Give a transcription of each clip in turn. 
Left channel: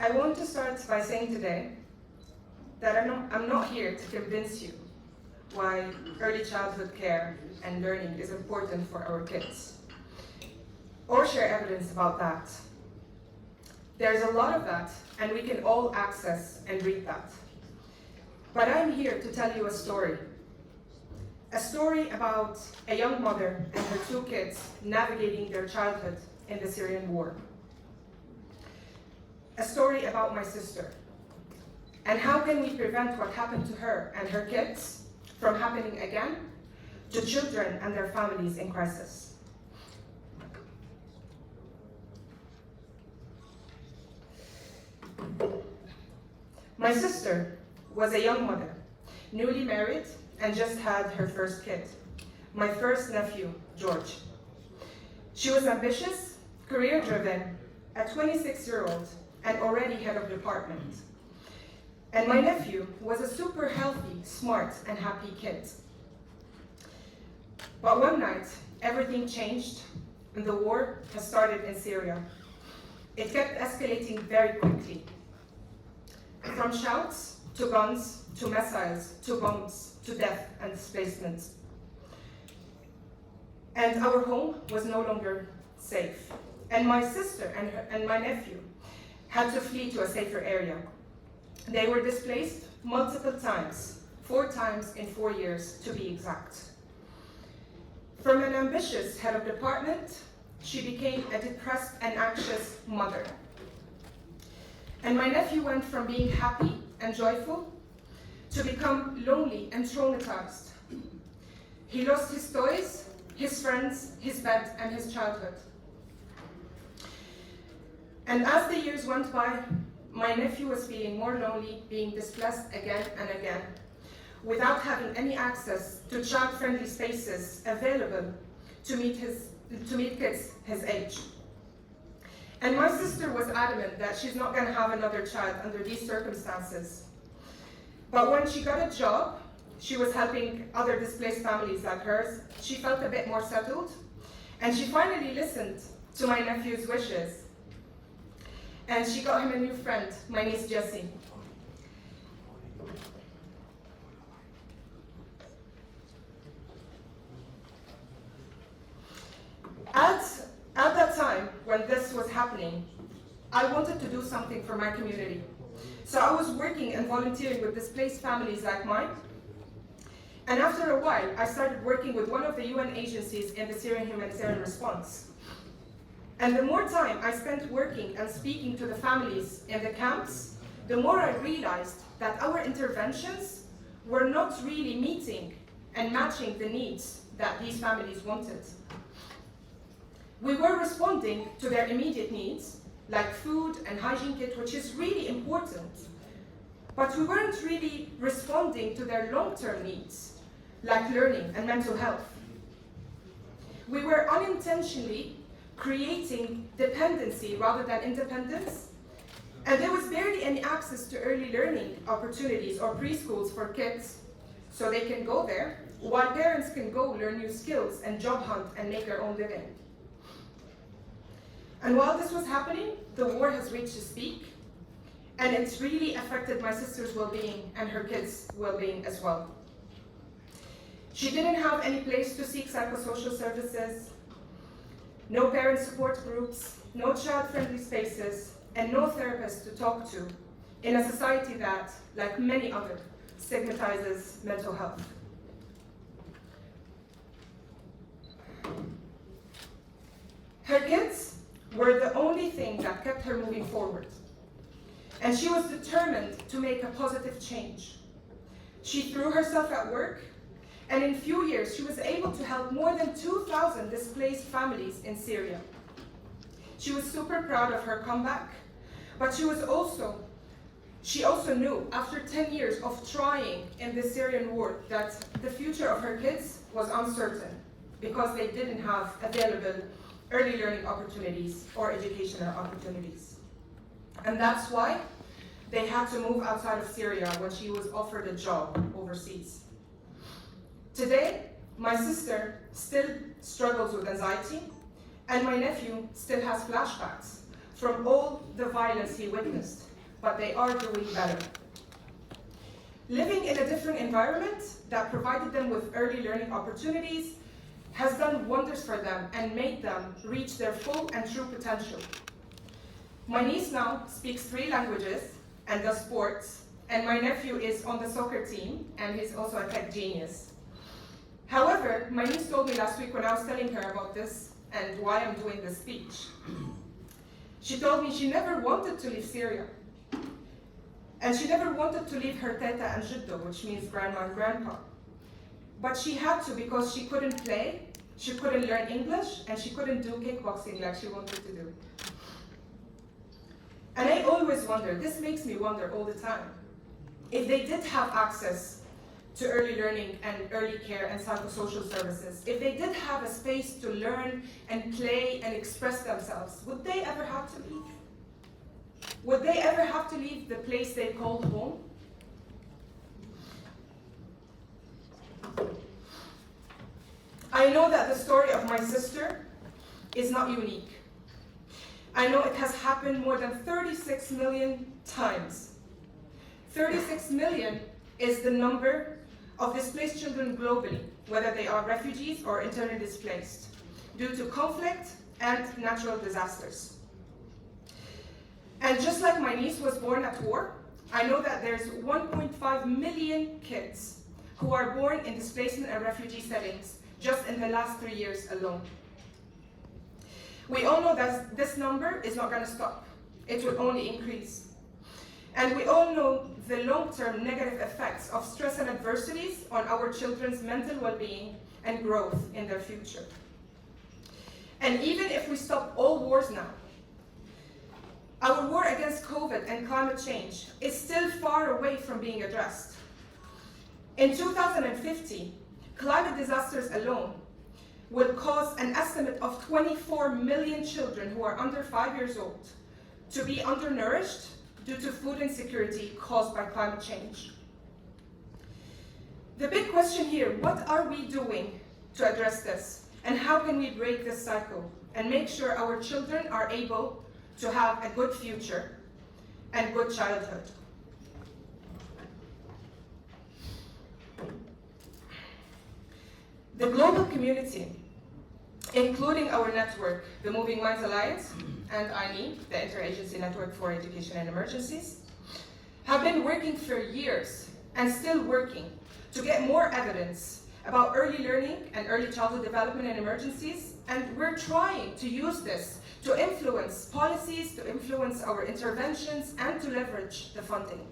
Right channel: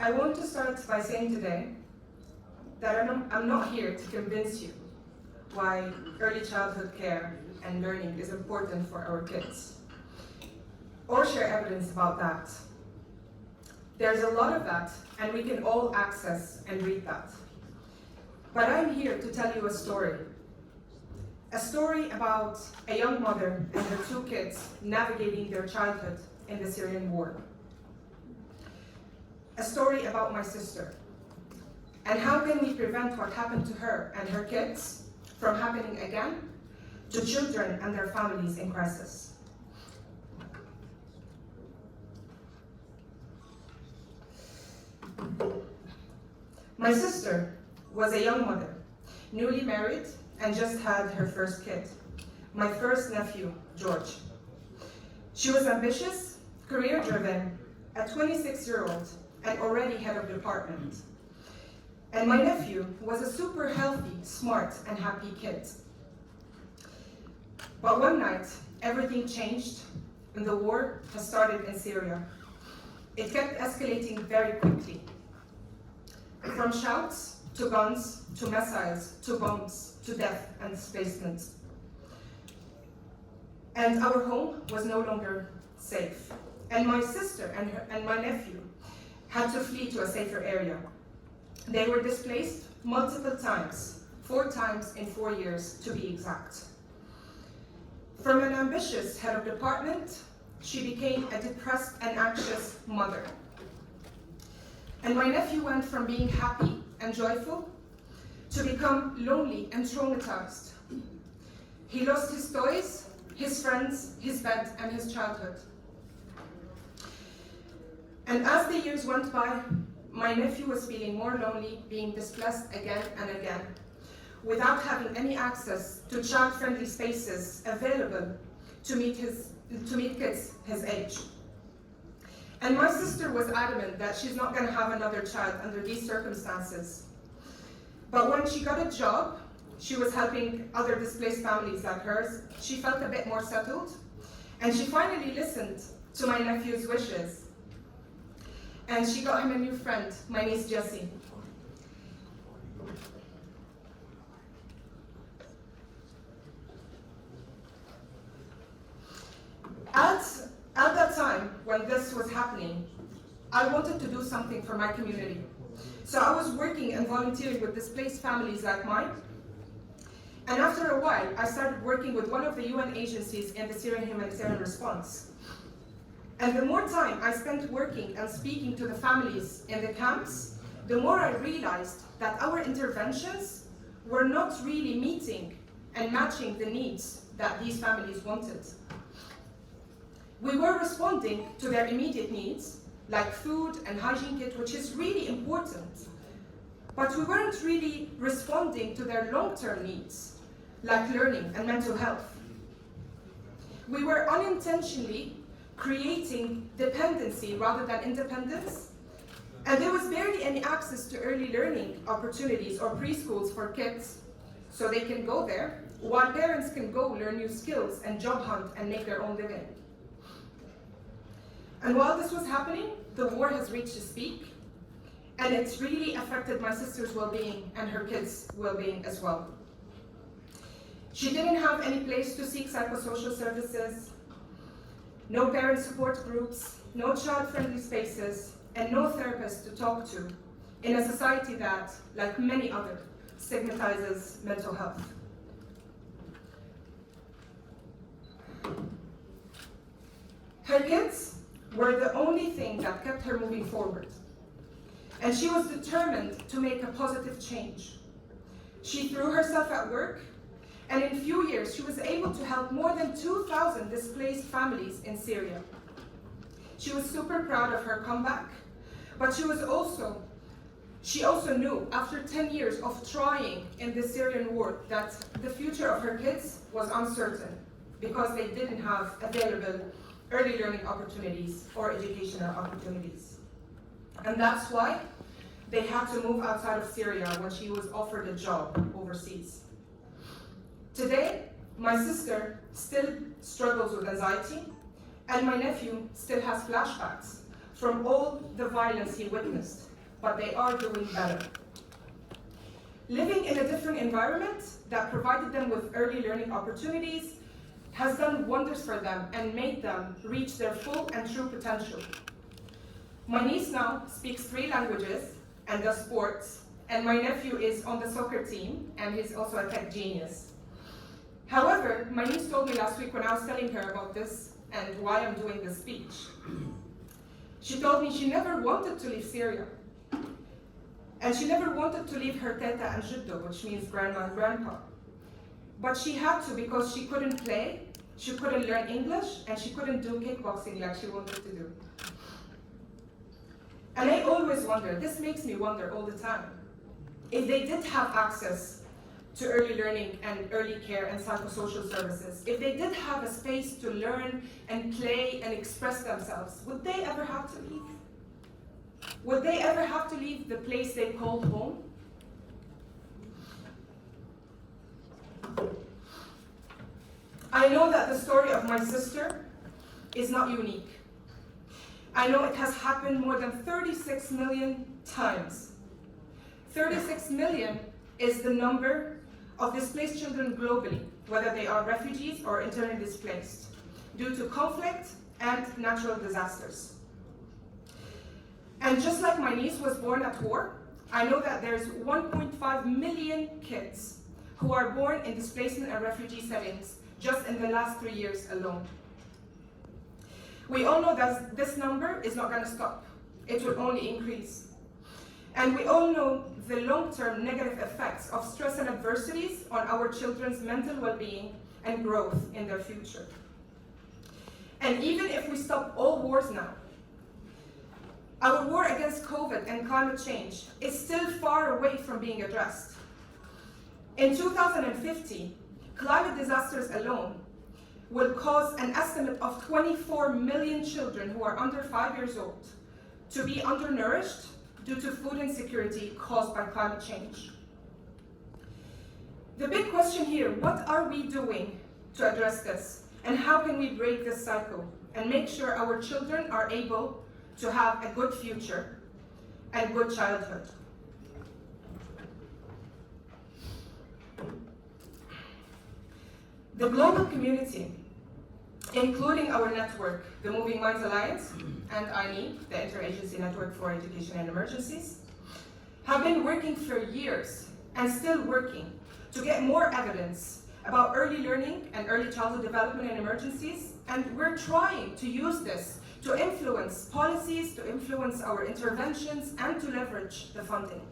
I want to start by saying today that I'm not here to convince you why early childhood care and learning is important for our kids, or share evidence about that. There's a lot of that, and we can all access and read that. But I'm here to tell you a story about a young mother and her 2 kids navigating their childhood in the Syrian war. A story about my sister, and how can we prevent what happened to her and her kids from happening again to children and their families in crisis. My sister was a young mother, newly married, and just had her first kid, my first nephew, George. She was ambitious, career-driven, a 26-year-old, and already head of department. And my nephew was a super healthy, smart, and happy kid. But one night, everything changed, and the war has started in Syria. It kept escalating very quickly. From shouts, to guns, to missiles, to bombs, to death and displacement. And our home was no longer safe. And my sister and my nephew had to flee to a safer area. They were displaced multiple times, 4 times in 4 years to be exact. From an ambitious head of department, she became a depressed and anxious mother. And my nephew went from being happy and joyful to become lonely and traumatized. He lost his toys, his friends, his bed, and his childhood. And as the years went by, my nephew was feeling more lonely, being displaced again and again, without having any access to child-friendly spaces available to meet kids his age. And my sister was adamant that she's not going to have another child under these circumstances. But when she got a job, she was helping other displaced families like hers. She felt a bit more settled, and she finally listened to my nephew's wishes. And she got him a new friend, my niece Jessie. At that time, when this was happening, I wanted to do something for my community. So I was working and volunteering with displaced families like mine. And after a while, I started working with one of the UN agencies in the Syrian humanitarian response. And the more time I spent working and speaking to the families in the camps, the more I realized that our interventions were not really meeting and matching the needs that these families wanted. We were responding to their immediate needs, like food and hygiene kit, which is really important, but we weren't really responding to their long-term needs, like learning and mental health. We were unintentionally creating dependency rather than independence, and there was barely any access to early learning opportunities or preschools for kids, so they can go there, while parents can go learn new skills and job hunt and make their own living. And while this was happening, the war has reached its peak, and it's really affected my sister's well-being and her kids' well-being as well. She didn't have any place to seek psychosocial services, no parent support groups, no child-friendly spaces, and no therapist to talk to in a society that, like many others, stigmatizes mental health. Her kids were the only thing that kept her moving forward, and she was determined to make a positive change. She threw herself at work, and in a few years she was able to help more than 2,000 displaced families in Syria. She was super proud of her comeback, but she also knew after 10 years of trying in the Syrian war that the future of her kids was uncertain because they didn't have available early learning opportunities or educational opportunities. And that's why they had to move outside of Syria when she was offered a job overseas. Today, my sister still struggles with anxiety And my nephew still has flashbacks from all the violence he witnessed, but they are doing better. Living in a different environment that provided them with early learning opportunities has done wonders for them and made them reach their full and true potential. My niece now speaks 3 languages and does sports, and my nephew is on the soccer team and he's also a tech genius. However, my niece told me last week when I was telling her about this and why I'm doing this speech, she told me she never wanted to leave Syria. And she never wanted to leave her teta and jiddo, which means grandma and grandpa. But she had to because she couldn't play, she couldn't learn English, and she couldn't do kickboxing like she wanted to do. And I always wonder, this makes me wonder all the time, if they did have access to early learning and early care and psychosocial services, if they did have a space to learn and play and express themselves, would they ever have to leave? Would they ever have to leave the place they called home? I know that the story of my sister is not unique. I know it has happened more than 36 million times. 36 million is the number of displaced children globally, whether they are refugees or internally displaced, due to conflict and natural disasters. And just like my niece was born at war, I know that there's 1.5 million kids who are born in displacement and refugee settings just in the last 3 years alone. We all know that this number is not going to stop. It will only increase. And we all know the long-term negative effects of stress and adversities on our children's mental well-being and growth in their future. And even if we stop all wars now, our war against COVID and climate change is still far away from being addressed. In 2050, climate disasters alone will cause an estimate of 24 million children who are under 5 years old to be undernourished due to food insecurity caused by climate change. The big question here, what are we doing to address this? And how can we break this cycle and make sure our children are able to have a good future and good childhood? The global community, including our network, the Moving Minds Alliance and INEE, the Interagency Network for Education and Emergencies, have been working for years and still working to get more evidence about early learning and early childhood development in emergencies, and we're trying to use this to influence policies, to influence our interventions, and to leverage the funding.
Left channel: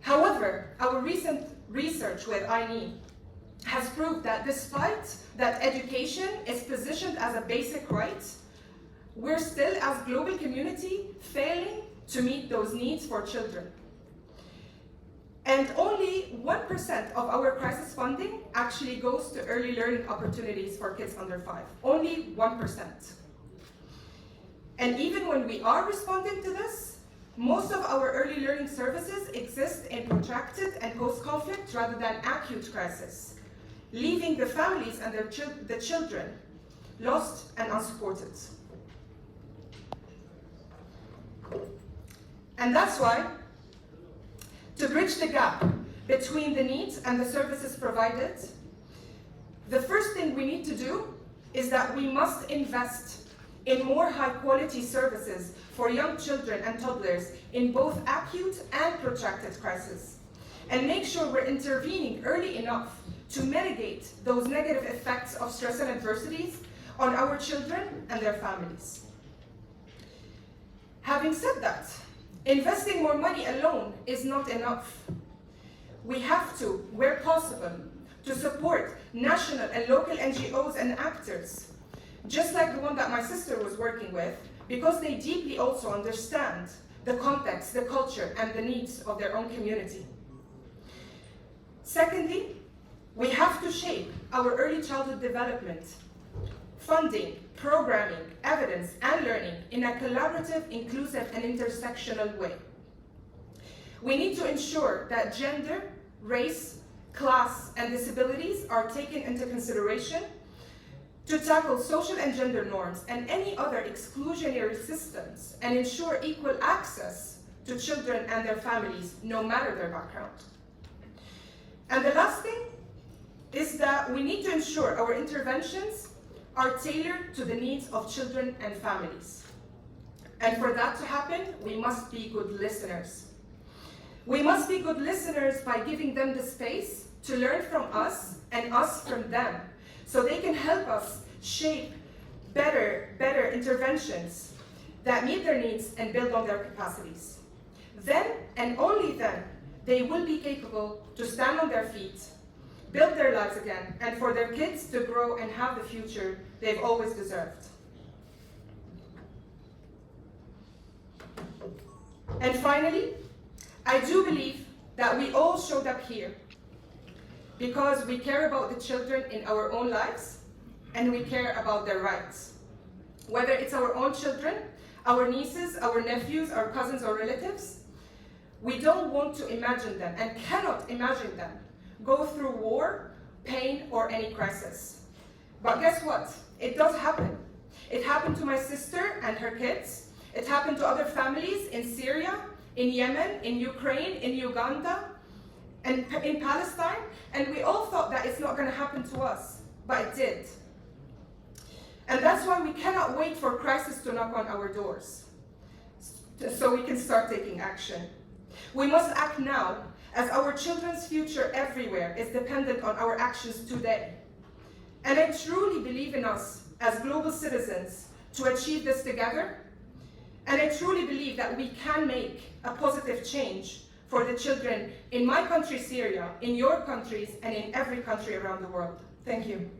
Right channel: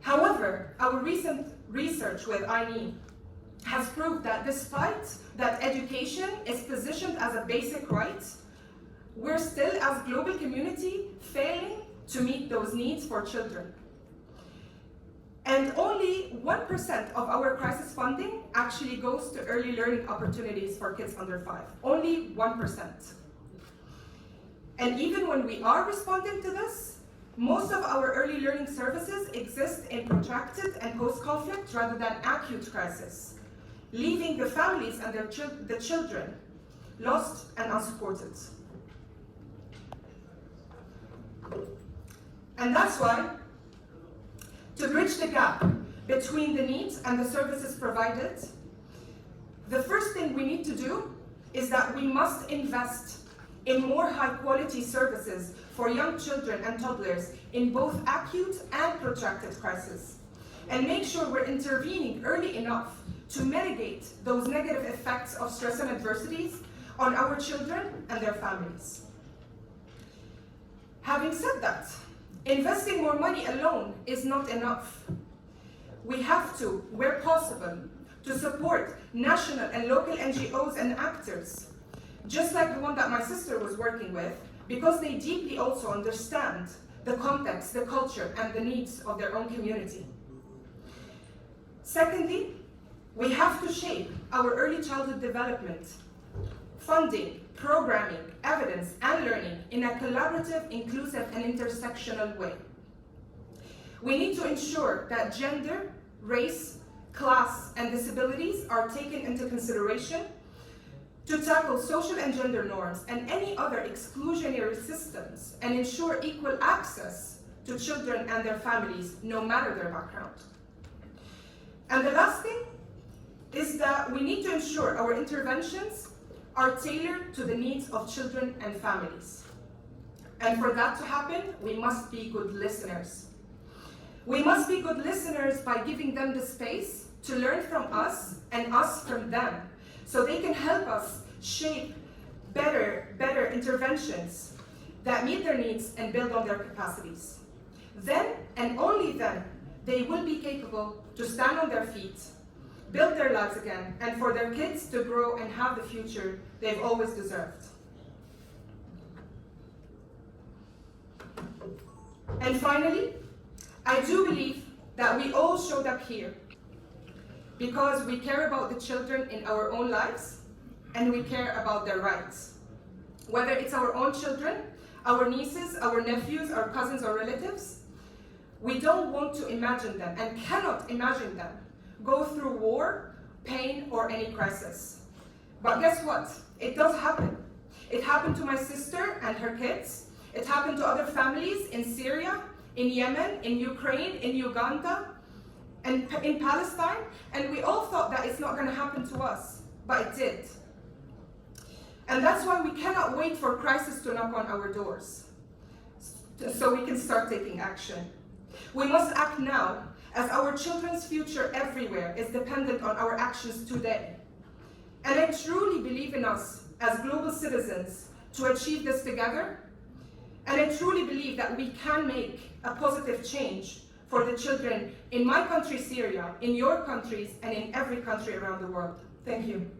However, our recent research with INEE has proved that despite that education is positioned as a basic right, we're still, as global community, failing to meet those needs for children. And only 1% of our crisis funding actually goes to early learning opportunities for kids under 5. Only 1%. And even when we are responding to this, most of our early learning services exist in protracted and post-conflict rather than acute crisis, leaving the families and the children lost and unsupported. And that's why, to bridge the gap between the needs and the services provided, the first thing we need to do is that we must invest in more high-quality services for young children and toddlers in both acute and protracted crisis, and make sure we're intervening early enough to mitigate those negative effects of stress and adversities on our children and their families. Having said that, investing more money alone is not enough. We have to, where possible, to support national and local NGOs and actors, just like the one that my sister was working with, because they deeply also understand the context, the culture, and the needs of their own community. Secondly, we have to shape our early childhood development, funding, programming, evidence, and learning in a collaborative, inclusive, and intersectional way. We need to ensure that gender, race, class, and disabilities are taken into consideration to tackle social and gender norms and any other exclusionary systems and ensure equal access to children and their families, no matter their background. And the last thing is that we need to ensure our interventions are tailored to the needs of children and families. And for that to happen, we must be good listeners. We must be good listeners by giving them the space to learn from us and us from them, so they can help us shape better interventions that meet their needs and build on their capacities. Then, and only then, they will be capable to stand on their feet, build their lives again, and for their kids to grow and have the future they've always deserved. And finally, I do believe that we all showed up here because we care about the children in our own lives and we care about their rights. Whether it's our own children, our nieces, our nephews, our cousins or relatives, we don't want to imagine them and cannot imagine them go through war, pain, or any crisis. But guess what? It does happen. It happened to my sister and her kids. It happened to other families in Syria, in Yemen, in Ukraine, in Uganda, and in Palestine. And we all thought that it's not going to happen to us, but it did. And that's why we cannot wait for crisis to knock on our doors, so we can start taking action. We must act now, as our children's future everywhere is dependent on our actions today. And I truly believe in us as global citizens to achieve this together. And I truly believe that we can make a positive change for the children in my country, Syria, in your countries, and in every country around the world. Thank you.